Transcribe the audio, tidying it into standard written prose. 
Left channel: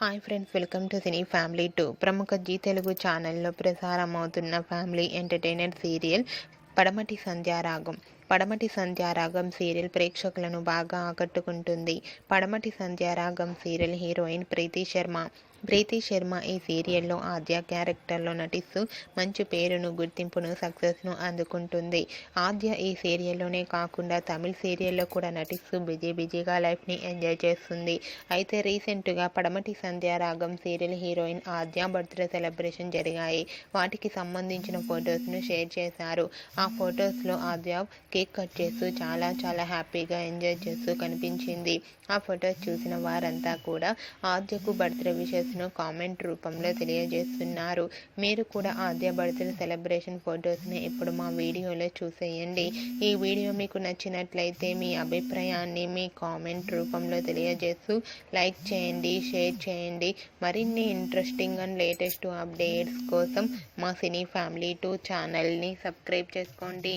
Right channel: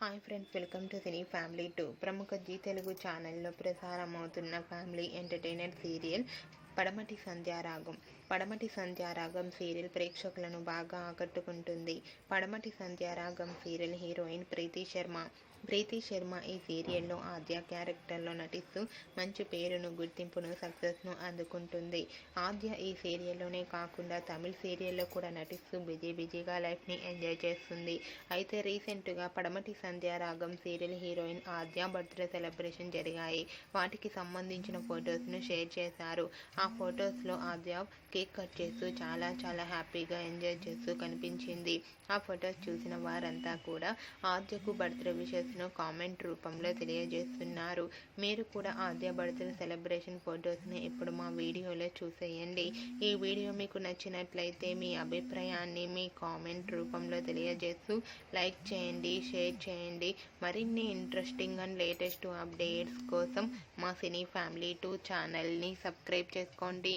Hi friends, welcome to cine family 2. ప్రముఖ G Telugu ఛానల్లో ప్రసారమవుతున్న family entertainer serial పడమటి సంధ్యారాగం. పడమటి సంధ్యారాగం సీరియల్ ప్రేక్షకులను బాగా ఆకట్టుకుంటుంది. పడమటి సంధ్యారాగం సీరియల్ హీరోయిన్ ప్రీతి శర్మ ఈ సీరియల్లో ఆద్య క్యారెక్టర్లో నటిస్తూ మంచి పేరును, గుర్తింపును, సక్సెస్ను అందుకుంటుంది. ఆద్య ఈ సీరియల్లోనే కాకుండా తమిళ సీరియల్లో కూడా నటిస్తూ బిజీగా లైఫ్ని ఎంజాయ్ చేస్తుంది. అయితే రీసెంట్గా పడమటి సంధ్యారాగం సీరియల్ హీరోయిన్ ఆద్య బర్త్డే సెలబ్రేషన్ జరిగాయి. వాటికి సంబంధించిన ఫొటోస్ను షేర్ చేశారు. ఆ ఫొటోస్లో ఆద్య కేక్ కట్ చేస్తూ చాలా హ్యాపీగా ఎంజాయ్ చేస్తూ కనిపించింది. ఆ ఫొటోస్ చూసిన వారంతా కూడా ఆద్యకు బర్త్డే విషెస్ను కామెంట్ రూపంలో తెలియజేస్తున్నారు. మీరు కూడా ఆద్య బర్త్డే సెలబ్రేషన్ ఫొటోస్ని ఇప్పుడు మా వీడియోలో చూసేయండి. ఈ వీడియో మీకు నచ్చినట్లయితే మీ అభిప్రాయాన్ని మీ కామెంట్ రూపంలో తెలియజేస్తూ లైక్ చేయండి, షేర్ చేయండి. మరిన్ని ఇంట్రెస్టింగ్ అండ్ లేటెస్ట్ అప్డేట్స్ కోసం మా సినీ ఫ్యామిలీ 2 ఛానల్ని సబ్స్క్రైబ్ చేసుకోండి.